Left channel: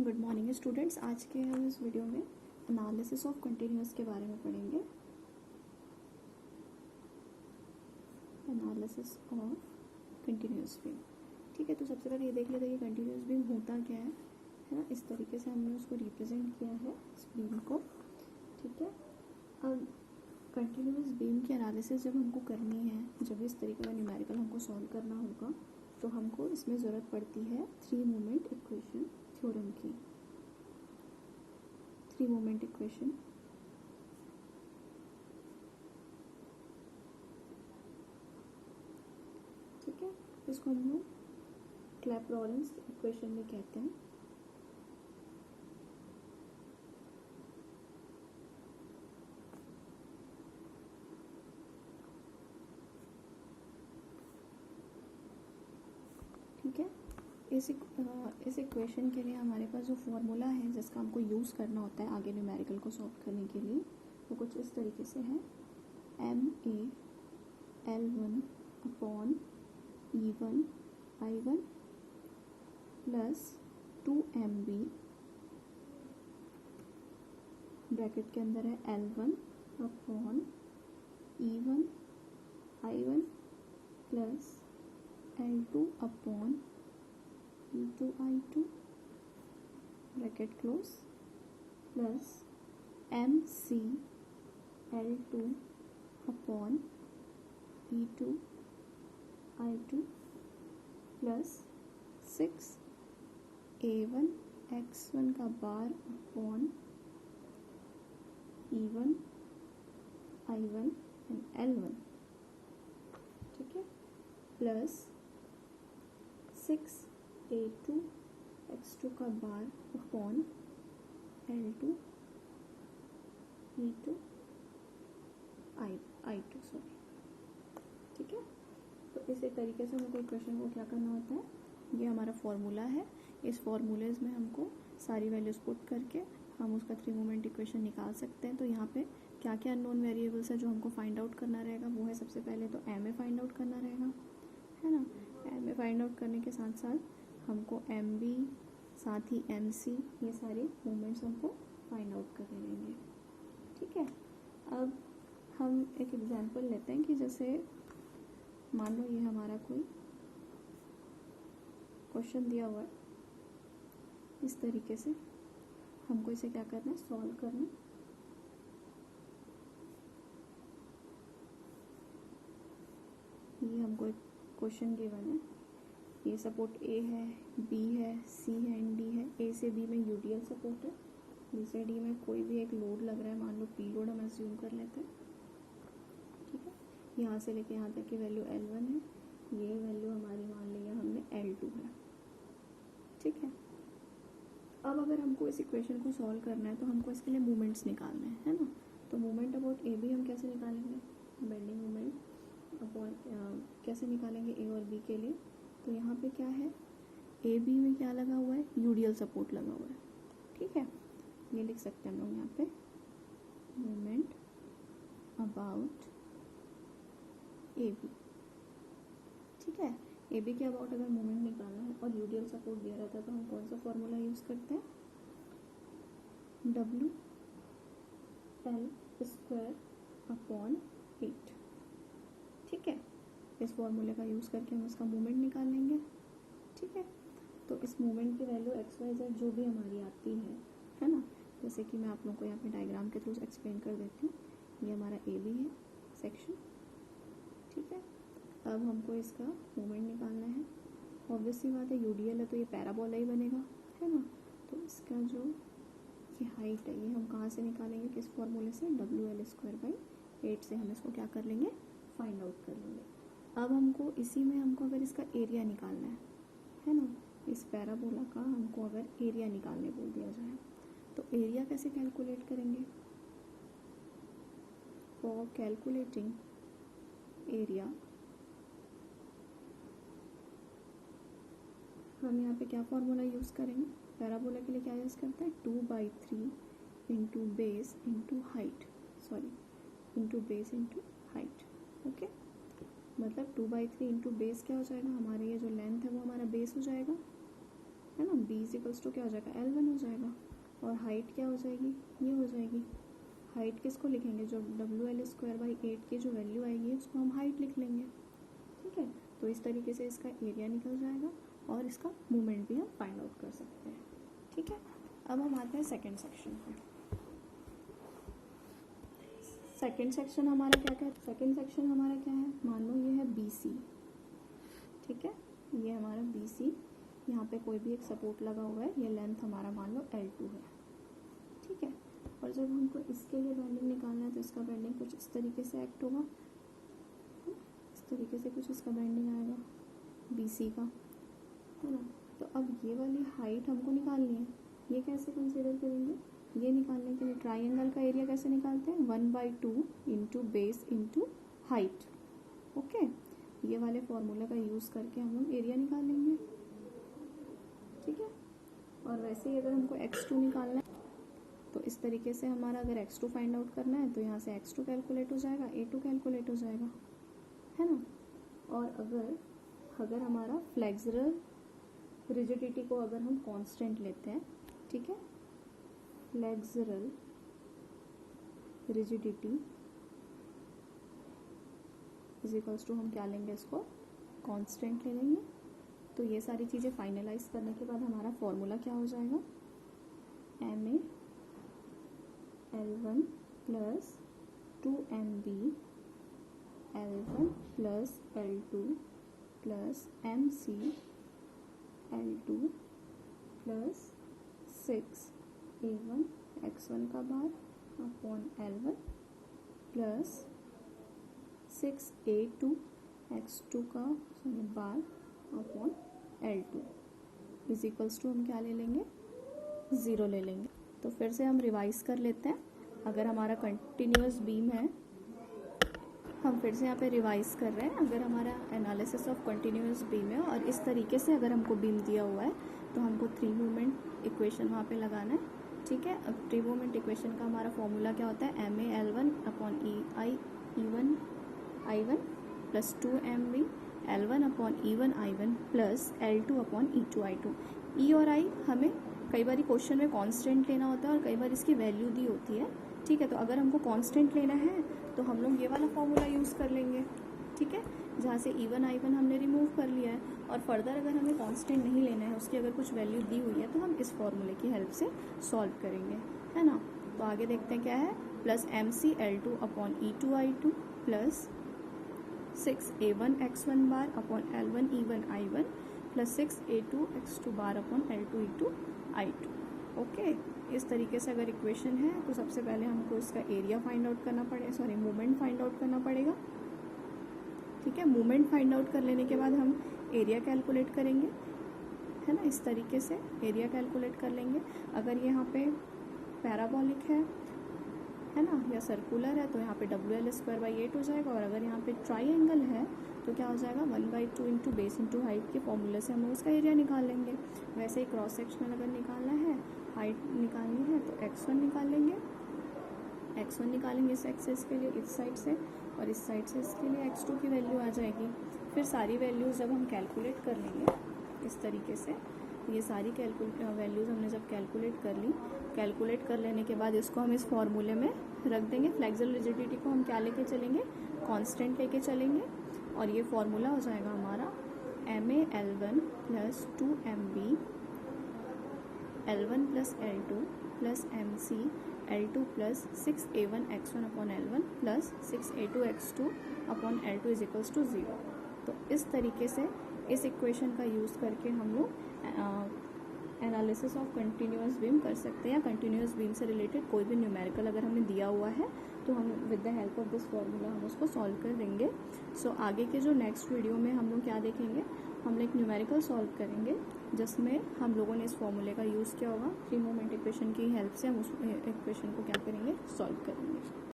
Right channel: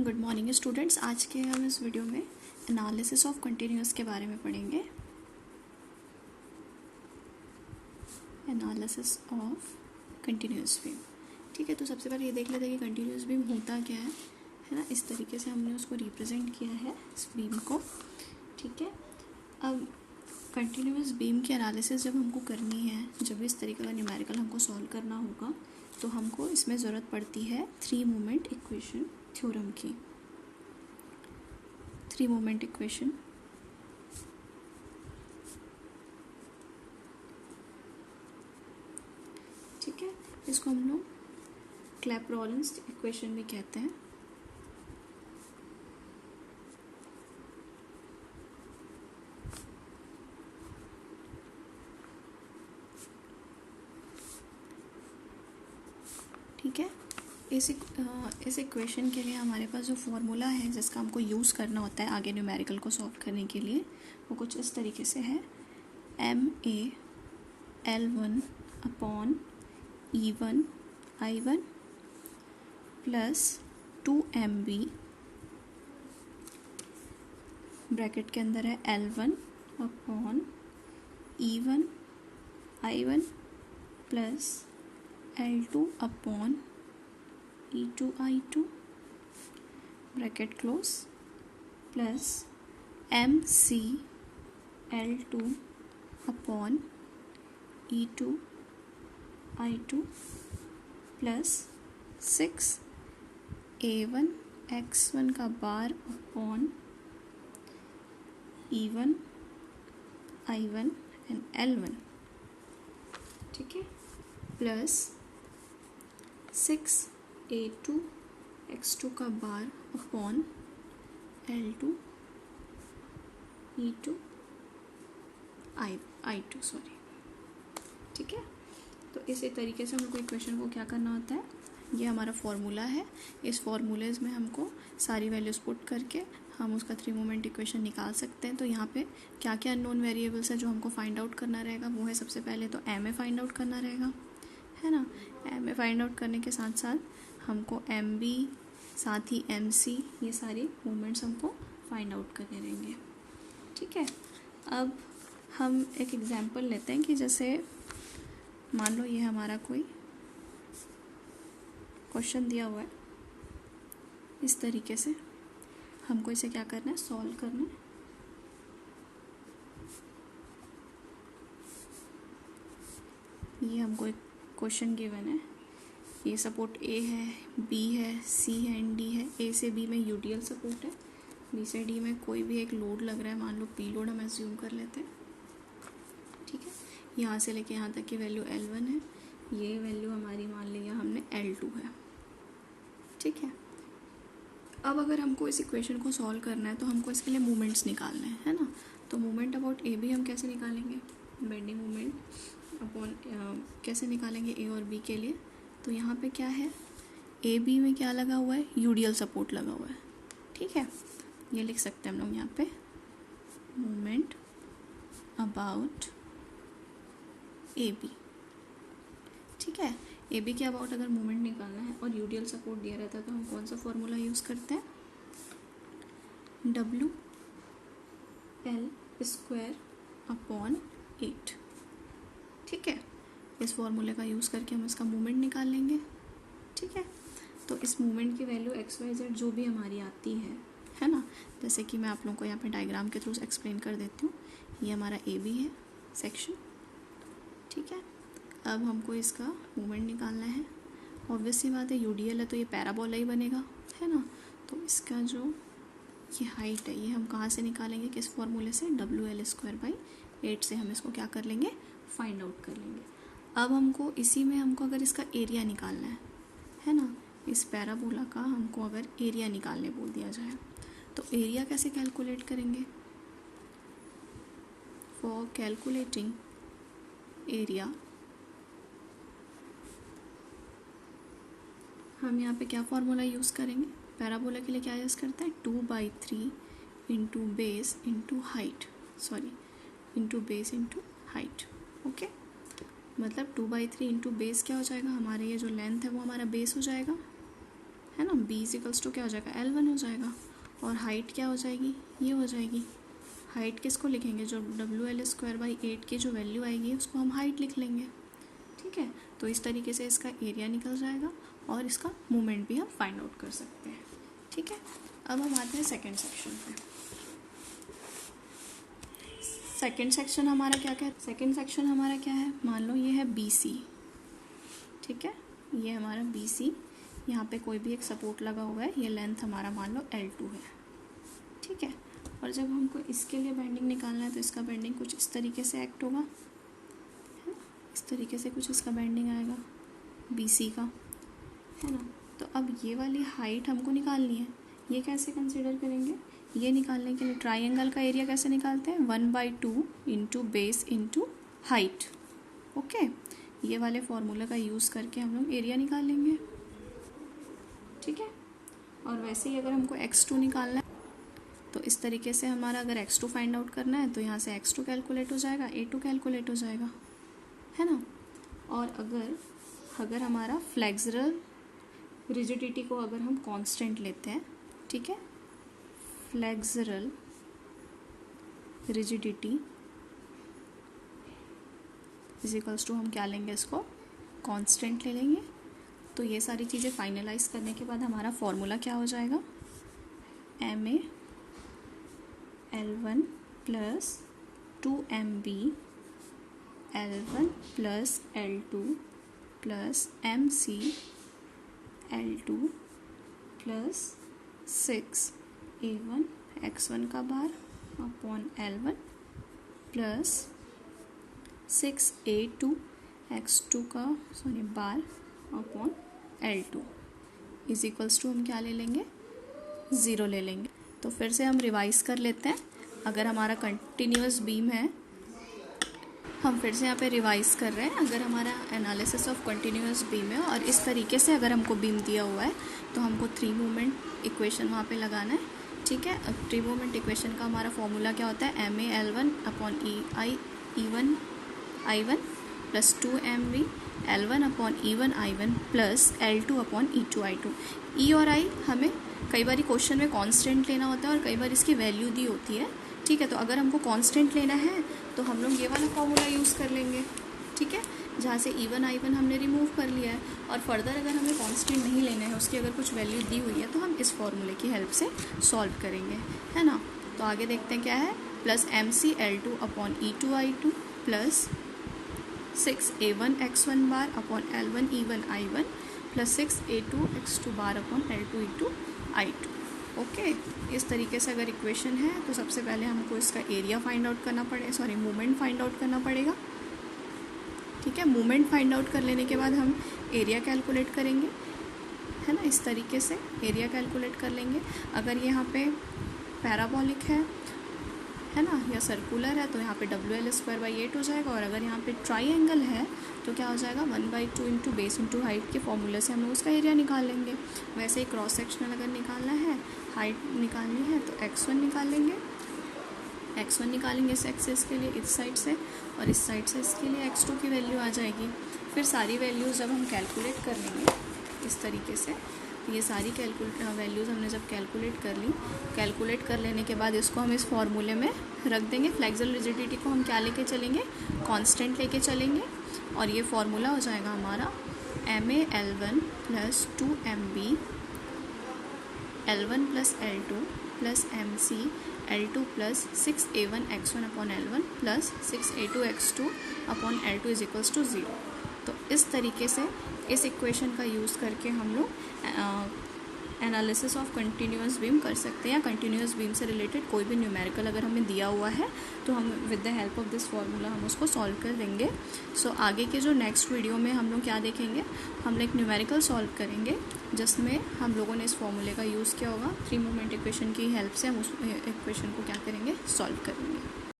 Good morning students. आज के हम इस वीडियो में एनालिसिस ऑफ कंटिन्यूअस के बारे में पढ़ेंगे। Analysis of continuous beam. ठीक है, तो सबसे पहले ये देख लेते हैं कि कंटिन्यूअस बीम होता क्या है ना। इस तरीके से हमने उसको रिप्रेजेंट किया है इस बीम को। ठीक है, अब कंटिन्यूअस बीम की एनालिसिस जब हमको करनी है, जब भी इस तरीके का न्यूमेरिकल हमको सॉल्व करना होगा, तो हमको इसमें ज़रूरत पड़ती है थ्री मोमेंट इक्वेशन थ्योरम की। थ्री मोमेंट इक्वेशन ठीक है, इसको हम लोग क्लैपेरॉन इक्वेशन भी कहते हैं। ठीक है, इस इक्वेशन के लिए हमारे पास जो फॉर्मूला है जिसका हमको यूज़ करना होता है आगे न्यूमेरिकल को सॉल्व करने के लिए, वो कुछ इस तरीके से है। MA/L1 upon E1 I1 plus 2MB bracket के अंदर है L1 upon E1 I1 plus L2 upon E2 I2 bracket close plus MC L2 upon E2 I2 plus 6A1 X1 का बार upon E1 I1 and L1। ठीक है, plus 6A2 X2 का बार upon L2 E2 I2 sorry. ठीक है, तो इसी तरीके से हमको इक्वेशन को क्या करना होता है, ये हमारा फॉर्मूला है। इस फॉर्मूलेज में हमको सारी वैल्यूज पुट करके हम उसका थ्री मोमेंट इक्वेशन निकाल सकते हैं। तो यहाँ पे क्या क्या अननोन वेरिएबल्स है जो हमको फाइंड आउट करना रहेगा, वो है सबसे पहले तो MA फाइंड आउट करना रहेगा, है ना। MA फाइंड आउट करने के साथ साथ हमको MB साथ ही MC, ये सारे मोमेंट्स हमको फाइंड आउट करने रहेंगे। ठीक है, अब हम एक एग्जांपल लेते हैं कि जैसे मान लो ये हमारा कोई क्वेश्चन दिया हुआ है, इस तरीके से हमको इसे क्या करना है, सॉल्व करना है। ये हमको एक क्वेश्चन गिवन है, ये सपोर्ट A है, B है, C है एंड D है। A से B में यूडियल सपोर्ट है, B से D में कोई भी एक लोड लग रहा है, मान लो P लोड हम एज्यूम कर लेते हैं। ठीक है, यहाँ से लेके यहाँ तक की वैल्यू L1 है, ये वैल्यू हमारी मान लिया हमने L2 है। ठीक है, अब अगर हमको इस इक्वेशन को सॉल्व करना है तो हमको इसके लिए मोमेंट्स निकालने हैं, है ना। तो मोमेंट अबाउट ए बी हम कैसे निकालेंगे, बेंडिंग मोमेंट अपॉन कैसे निकालेंगे A और B के लिए। तो यहाँ पे क्या है, ए बी में क्या लगा हुआ है, यूडियल सपोर्ट लगा हुआ है। ठीक है, ये लिख सकते हैं हम लोग यहाँ पे, मोमेंट अबाउट ए बी। ठीक है, ए बी के अबाउट अगर मोमेंट निकालना है और यूडियल सपोर्ट दिया रहता है तो हम कौन सा फॉर्मूला यूज़ करते हैं, WL² अपॉन 8। ठीक है, इस फॉर्मूले का यूज़ करके हम इसका मोमेंट निकाल लेंगे। ठीक है, तो इस मोमेंट की वैल्यू XYZ जो भी हमारी आती है ना, जैसे कि मैं आप लोगों को यहाँ पे डायग्राम के थ्रू एक्सप्लेन कर देती हूँ। ये हमारा AB है सेक्शन। ठीक है, अब हमको इसका मोमेंट निकालना है। ऑब्वियस सी बात है, यूडीएल है तो ये पैराबोला ही बनेगा, है ना। तो इसका जो ये हाइट है, ये हम कहाँ से निकालेंगे, किस फॉर्मूले से, WL²/8 से हम इसको क्या कर लेंगे, फाइंड आउट कर लेंगे। अब हमको इसी में हमको अगर इसका एरिया निकालना है ना, इस पैराबोला का हमको अगर एरिया निकालने बोल दिया जाए तो एरिया कैसे कैलकुलेट करेंगे। फॉर कैलकुलेटिंग एरिया हम यहाँ पे क्या फॉर्मूला यूज़ करेंगे, पैराबोला के लिए क्या यूज़ करते हैं, 2/3 into base into height, sorry into base into height. Okay, मतलब 2/3 इंटू बेस क्या हो जाएगा, हमारे ये जो लेंथ है वो हमारा बेस हो जाएगा, है ना। b इजिकल्स टू क्या हो जाएगा, L1 हो जाएगा। और हाइट क्या हो जाएगी, ये हो जाएगी। हाइट किसको लिखेंगे, जो WL²/8 की जो वैल्यू आएगी उसको हम हाइट लिख लेंगे। ठीक है, तो इस तरीके से इसका एरिया निकल जाएगा और इसका मोमेंट भी हम फाइंड आउट कर सकते हैं। ठीक है, अब हम आते हैं सेकेंड सेक्शन पे। सेकेंड सेक्शन हमारा क्या क्या, सेकेंड सेक्शन हमारा क्या है, मान लो ये है BC। ठीक है, ये हमारा BC, यहाँ पे कोई भी एक सपोर्ट लगा हुआ है, ये लेंथ हमारा मान लो L2 है। ठीक है, और जब हमको इसके लिए बेंडिंग निकालना है तो इसका बेंडिंग कुछ इस तरीके से एक्ट होगा, इस तरीके से कुछ इसका बेंडिंग आएगा BC का, है ना। तो अब ये वाली हाइट हमको निकालनी है, ये कैसे कंसीडर करेंगे, ये निकालने के लिए ट्राइंगल का एरिया कैसे निकालते हैं, 1/2 into base into height. Okay, ये वाले फॉर्मूले का यूज़ करके हम लोग एरिया निकालेंगे। ठीक है, और वैसे ही अगर हमको x2 निकालना है तो इस तरीके से हमारा अगर x2 फाइंड आउट करना है तो यहाँ से x2 कैलकुलेट हो जाएगा, a2 कैलकुलेट हो जाएगा, है ना। और अगर हमारा फ्लेक्सरल रिजिडिटी को अगर हम कांस्टेंट लेते हैं, ठीक है, फ्लेक्सरल रिजिडिटी इजिकल्स टू हम क्या लेंगे, इसको कांस्टेंट ले लेंगे। तो ये सारी चीज़ें फाइनलाइज करने के बाद हमारा फॉर्मूला क्या हो जाएगा, MA L1 plus 2MB L1 plus L2 plus MC L2 plus 6A1 x1 का बार upon L1 plus 6A2 x2 का बार upon L2 is equals to हम क्या ले लेंगे, 0 ले लेंगे। तो फिर से हम रिवाइज कर लेते हैं। अगर हमारा कंटिन्यूअस बीम है, हम फिर से यहाँ पे रिवाइज कर रहे हैं। अगर हमारा एनालिसिस ऑफ कंटिन्यूअस बीम है और इस तरीके से अगर हमको बीम दिया हुआ है तो हमको 3 मोमेंट इक्वेशन वहाँ पे लगाना है। ठीक है, अब 3 मोमेंट इक्वेशन का हमारा फॉर्मूला क्या होता है, MA L1 upon E1 I1 plus 2MV L1 upon E1 I1 plus L2 upon E2 I2। E और I हमें कई बार क्वेश्चन में कांस्टेंट लेना होता है और कई बार इसकी वैल्यू दी होती है। ठीक है, तो अगर हमको कांस्टेंट लेना है तो हम लोग ये वाला फॉर्मूला यूज़ कर लेंगे। ठीक है, जहाँ से E1 I1 हमने रिमूव कर लिया है और फर्दर अगर हमें कांस्टेंट नहीं लेना है, उसकी अगर कुछ वैल्यू दी हुई है तो हम इस फॉर्मूले की हेल्प से सॉल्व करेंगे, है ना। तो आगे देखते हैं क्या है, plus MC L2 upon E2 I2 plus 6A1 x1 bar upon L1 E1 I1 plus 6A2 x2 बार upon L2 E2 I2। Okay, इस तरीके से अगर इक्वेशन है तो सबसे पहले हमको इसका एरिया फाइंड आउट करना पड़ेगा, मोमेंट फाइंड आउट करना पड़ेगा। ठीक है, मोमेंट फाइंड आउट कर लेने के बाद हम एरिया कैलकुलेट करेंगे, है ना। इस तरीके से एरिया कैलकुलेट कर लेंगे। अगर यहाँ पे पैराबोलिक है ना, या सर्कुलर है तो यहाँ पे WL²/8 हो जाएगा। और अगर यहाँ पे ट्राइंगल है तो क्या हो जाएगा, 1/2 इंटू बेस इंटू हाइट के फॉर्मूले से हम लोग उसका एरिया निकाल लेंगे। वैसे ही क्रॉस सेक्शनल अगर निकालना है, हाइट निकालनी है तो x1 निकाल लेंगे, x1 निकालेंगे इस एक्सेस के लिए इस साइड से, और इस साइड से इसके लिए x2 की वैल्यू आ जाएगी। फिर सारी वैल्यूज़ जब हम कैलकुलेट कर लेंगे इस तरीके से, ये सारी वैल्यूज़ हमने जब कैलकुलेट कर ली, कैलकुलेट कर लेने के बाद इसको हम इस फॉर्मूले में रख देंगे। फ्लेक्सरल रिजिडिटी को हम क्या लेके चलेंगे, कांस्टेंट लेके चलेंगे। और ये फार्मूला हो जाएगा हमारा MA L1 plus 2MB L1 plus L2 plus MC L2 plus 6A1 x1 upon L1 plus 6A2 x2 upon L2 is equals to 0। तो इस तरीके से इस इक्वेशन का यूज़ करके हम लोग एनालिसिस ऑफ कंटिन्यूअस बीम कर सकते हैं, या कंटिन्यूअस बीम से रिलेटेड कोई भी न्यूमेरिकल अगर हमें दिया हुआ है तो हम with the help of this formula हम उसको सॉल्व कर देंगे। सो आगे के जो नेक्स्ट वीडियो में हम लोग क्या देखेंगे, हम लोग एक न्यूमेरिकल सॉल्व करेंगे जिसमें हम लोगों ने इस फॉर्मूले का यूज़ किया होगा। 3 मोमेंट इक्वेशन की हेल्प से हम उस इक्वेशन को क्या करेंगे, सॉल्व करेंगे।